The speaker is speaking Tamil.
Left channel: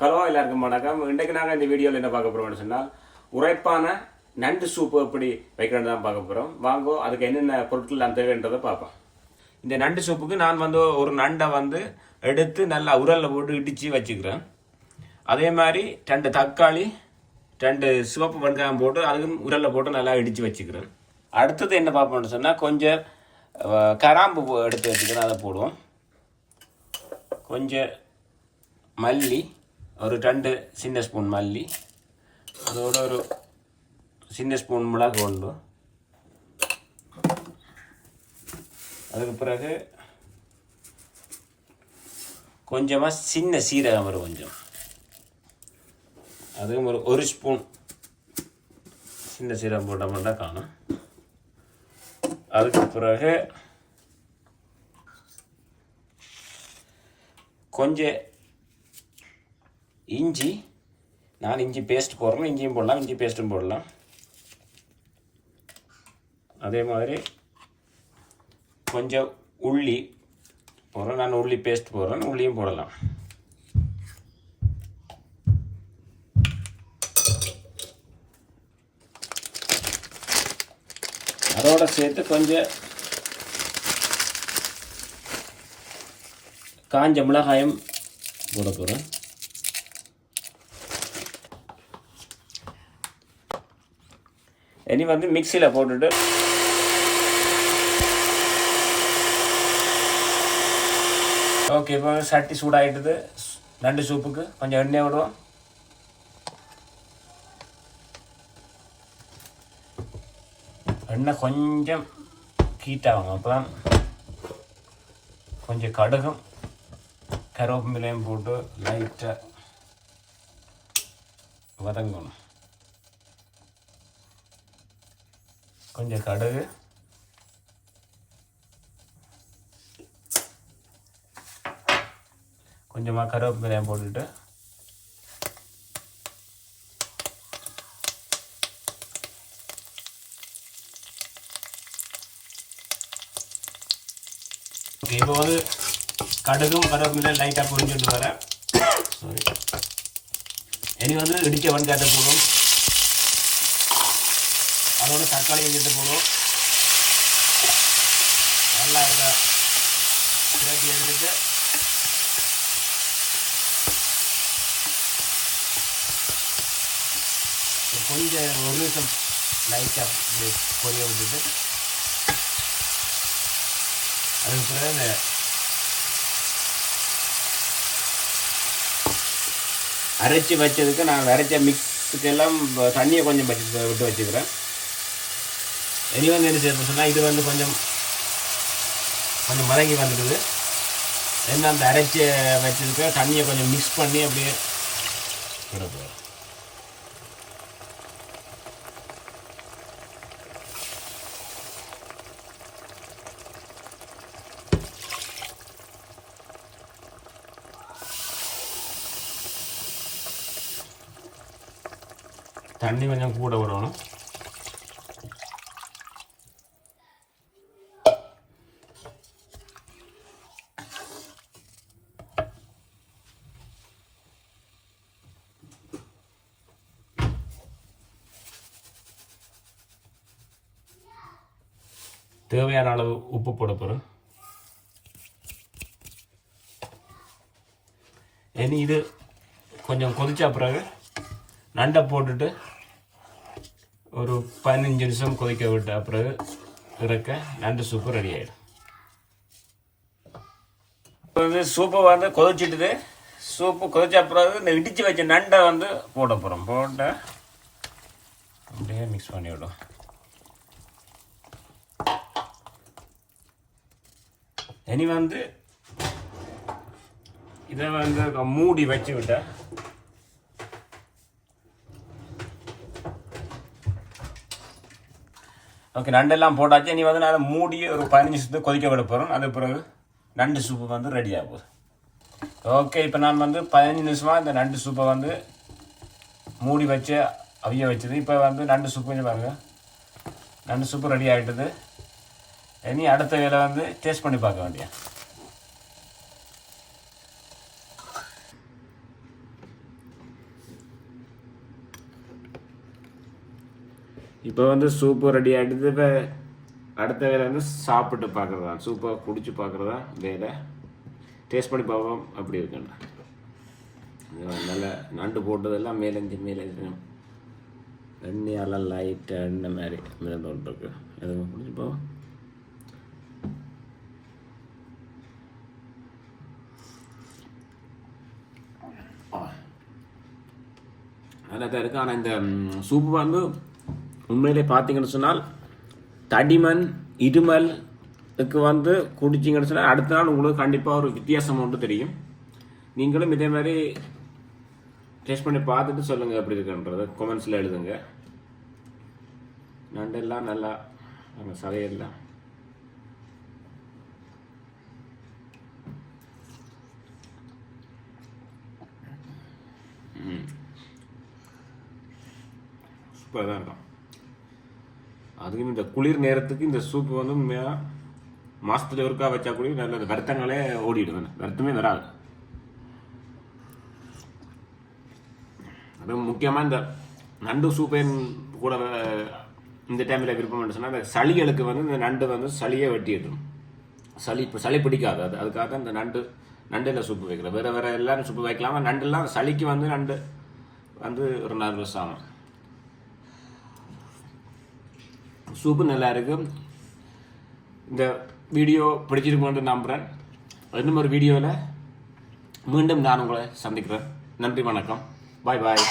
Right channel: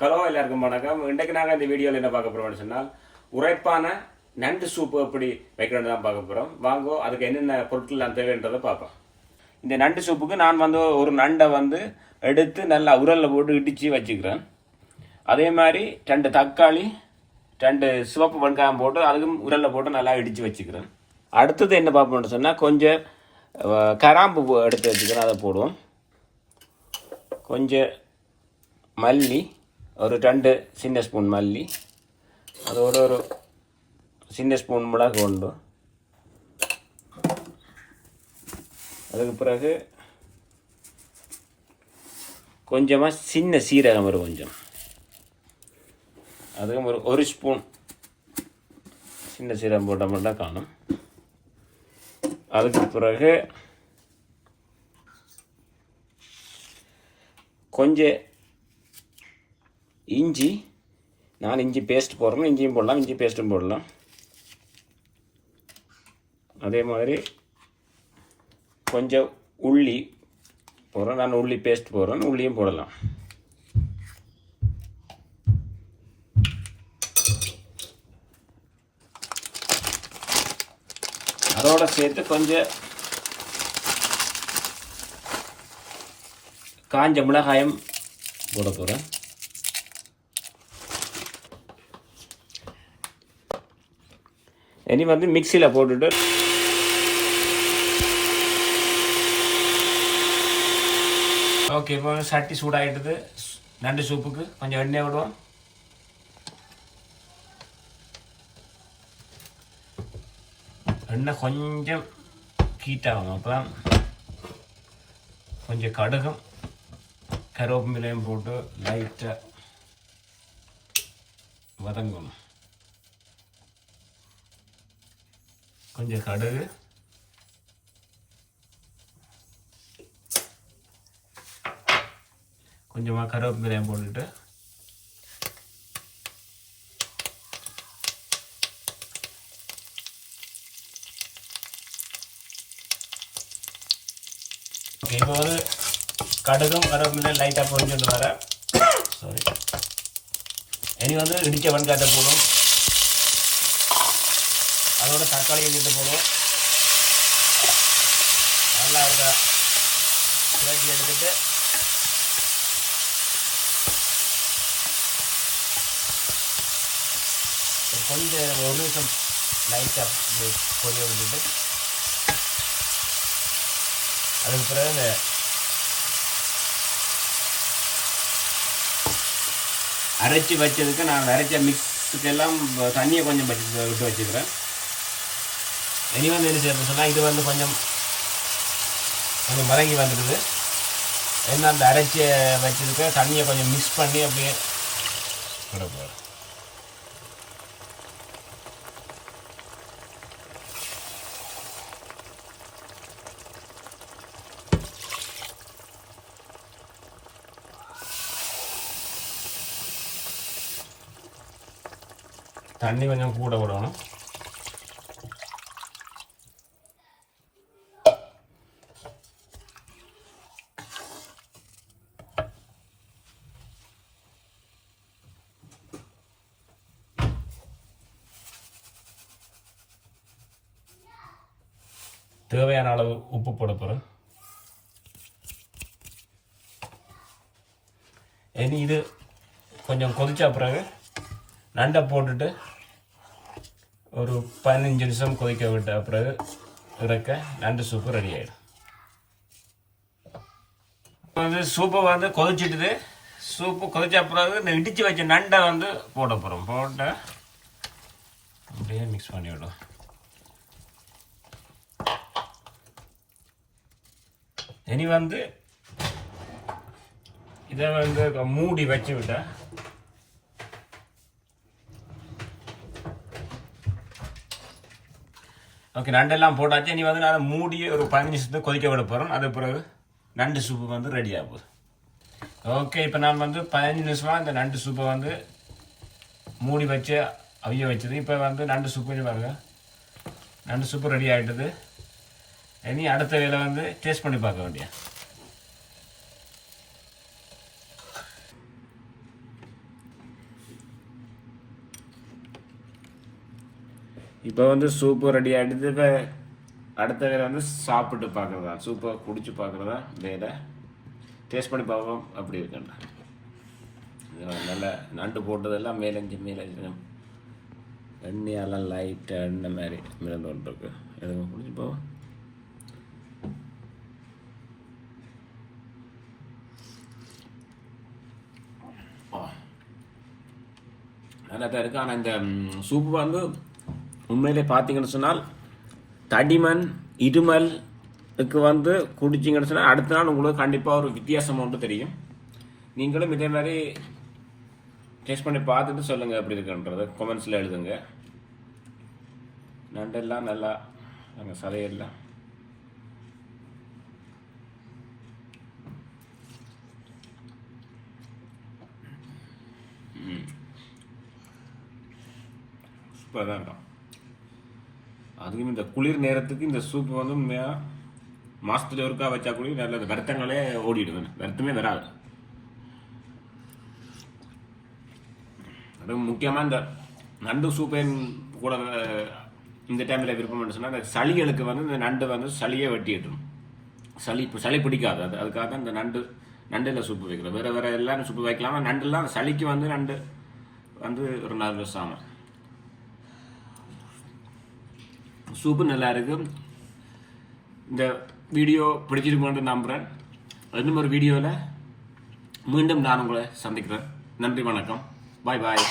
ஹலோ எல்லாருக்கும் வணக்கம். இன்றைக்கு நாங்கள் இந்த வீடியோவில் என்ன பார்க்க போகிறோம்னு சொன்னால் உரைப்பான நண்டு சூப்பு எப்படி வைக்கணும்னு தான் பார்க்க போகிறோம் வாங்கோ அதுக்கு என்னென்ன பொருட்கள் நான் தேவைன்றதை பார்ப்போம். இந்த நண்டு சூப்புக்கு நான் வந்து ஒரு நண்டை வந்து எடுத்து நல்லா உரலில் போட்டு இடித்து வச்சுக்கிறேன். அதே மாதிரி ரெண்டு தக்காளி ரெண்டு சிவப்பு வெங்காயம் போட்டு அதுவும் உரலில் போட்டு நல்லா இடித்து வச்சுக்கிறேன். அடுத்தது என்ன பார்ப்போம்னு சொன்னால் கொஞ்சம் கராம்பு எடுத்து வச்சுக்கிறேன். அதை போடுவோம். கொஞ்சம் மல்லி ஒரு ரெண்டு சின்ன ஸ்பூன் மல்லி அதோட ஒரு சின்ன ஸ்பூன் மிளகு உண்டு அதுக்கு பிறகு கொஞ்சமாக சின்ன சீரகம் வரும் கொஞ்சம் அதுவும் ஒரு ஒரு ஸ்பூன் சின்ன சீரகம் போட்ட மட்டும் காணும் அதுக்கு பிறகு கொஞ்சம் இஞ்சி நான் இஞ்சி பேஸ்ட் போடுறேன் இஞ்சியும் போடலாம் இஞ்சி பேஸ்ட்டும் போடலாம். அதே மாதிரி கொஞ்சம் உள்ளி போடுறேன் நான் உள்ளி பேஸ்ட் போடுறேன். உள்ளியும் போடலாம். அதோட சேர்த்து கொஞ்சம் காஞ்ச மிளகாயம் போட போகிறேன் இனி வந்து மிக்சியில் போட்டுட்டு ஓகே இப்போ சட்டி சூடாகிட்டது நண்டு சூப்புக்கு கொஞ்சம் எண்ணெய் விடுவோம். எண்ணெய் கொஞ்சம் ஹீட்டாகும். அப்போ தான் கொஞ்சம் கடுகும். கருவேப்பிலையும் போட்டு லைட்டாக வதங்கணும். கொஞ்சம் கடுகு. கொஞ்சமாக கருவேப்பிலையும் போட்டுட்டு இப்போ வந்து கடுகும் கருவேப்பிலையும் லைட்டாக பொறிஞ்சுட்டு வரேன் சாரி இனி வந்து இடிக்க வெங்காயத்தை போடும் அதோட தக்காளி கிட்ட போகணும் நல்லா இருக்க. கிளட்டி எடுத்துட்டு. கொஞ்சம் ஒரு நிமிஷம் லைட்டாக பொரிய விட்டுட்டு. அதுக்கு பிறகு இந்த அரைச்சி வச்சதுக்கு நான் அரைச்ச மிக்ஸுக்கு எல்லாம் தண்ணியை கொஞ்சம் வச்சு விட்டு வச்சுக்கிறேன். இனி வந்து என்ன செய்யணும் சொன்னால் இது வந்து கொஞ்சம் கொஞ்சம் மதங்கி வந்துடுது என்ன அந்த அரைச்சி வச்சதுக்கு தண்ணியை கொஞ்சம் மிக்ஸ் பண்ணி அப்படியே விட போகிறேன் தண்ணி கொஞ்சம் கூட விடணும் தேவையான அளவு உப்பு போட போகிறேன் இனி இது கொஞ்சம் கொதிச்ச பிறகு நண்டை போட்டுட்டு ஒரு பதினஞ்சு நிமிஷம் கொதிக்க விட்ட பிறகு இறக்க நண்டு சூப்பு ரெடி ஆகிடும் வந்து சூப்பை வந்து கொதிச்சிட்டுது. சூப்பு கொதிச்ச பிறகு இந்த இடித்து வச்ச நண்டை வந்து போட போகிறோம் போட்ட அப்படியே மிக்ஸ் பண்ணி இனி வந்து இதை வந்து மூடி வச்சு விட்டேன் ஓகே நண்டெல்லாம் போட்டாச்சு. இனி வந்து நான் மூடி ஒரு பதினஞ்சு நிமிஷத்துக்கு கொதிக்க விட போகிறோம் அது பிறகு நண்டு சூப்பு வந்து ரெடி ஆக போகுது. ஓகே இப்போ நான் வந்து பதினஞ்சு நிமிஷமாக இந்த நண்டு சூப்பை வந்து மூடி வச்சு அவிய வச்சது. இப்போ வந்து நண்டு சூப்பு பாருங்கள் நண்டு சூப்பு ரெடி ஆகிட்டது இனி அடுத்த வேலை வந்து டேஸ்ட் பண்ணி பார்க்க வேண்டிய இப்போ வந்து சூப்பு ரெடி ஆகிடுது இப்போ அடுத்த வேலை வந்து சாப்பிட்டு பார்க்குறதா? சூப்பாக குடிச்சு பார்க்குறதா? வேலை. டேஸ்ட் பண்ணி பார்ப்போம். அப்படி இருக்கேன் நல்லா நண்டு போட்டதெல்லாம் மேலஞ்சு மேலஞ்சு. எண்ணெயெல்லாம் லைட்டாக எண்ணெய் மாதிரி. மிதந்து ஒன்று இருக்குது எதுவும் குடிச்சு போவோம் நல்லா தான் இருக்குது ஆனால் இந்த சூப்பு வந்து உண்மையிலே பார்த்தீங்கன்னு சொன்னால் தடிமன் இருமலுக்கு வந்து குடிச்சிங்கன்னு சொன்னால் அடுத்த நாள் உங்களுக்கு கண்டிப்பாக ஒரு வித்தியாசம் ஒன்று தெரியும். நீங்களும் இதே மாதிரி டேஸ்ட் பண்ணி பார்த்துட்டு சொல்லுங்கள் எப்படி இருக்குன்றது கொமெண்ட்ஸில் எழுதுங்க. நண்டெல்லாம் நல்லா நாங்கள் சதையெல்லாம். சூப்பராக தான் இருக்கும். அதுக்கும் இந்த குளிர் நேரத்துக்கு இந்த சூப்பு வந்து உண்மையாக மாசத்துல ஒருக்கா வச்சா கூட நல்ல வருத்தங்களே ஓடிடுவேன் வருத்தமே வராது. அதுவும் முக்கியமாக இந்த நண்டு சூப்பையும் கூட இந்த டைமில் விருப்பம் சொன்னால் அந்த சளிகளுக்கு வந்து இந்த நண்டு வந்து சளியே வெட்டிடும் சளி இப்போ சளி பிடிக்காது. அது அதுக்காக தான் இந்த நண்டு நண்டில் சூப்பு வைக்கிறோம். வேறு வேறு எல்லாரும் சூப்பு வைக்கலாமா? நண்டுலாம் சளிக்கு வந்து நண்டு வந்து ஒரு நல்ல சாமான். சூப்பு நல்லா இந்த வீடியோ பிடிச்சிருக்கோன்னு நம்புகிறேன் இன்னும் ஒரு வீடியோவில் மீண்டும் நான் உங்களை சந்திக்கிறேன். நன்றி வணக்கம். பாய் பாய்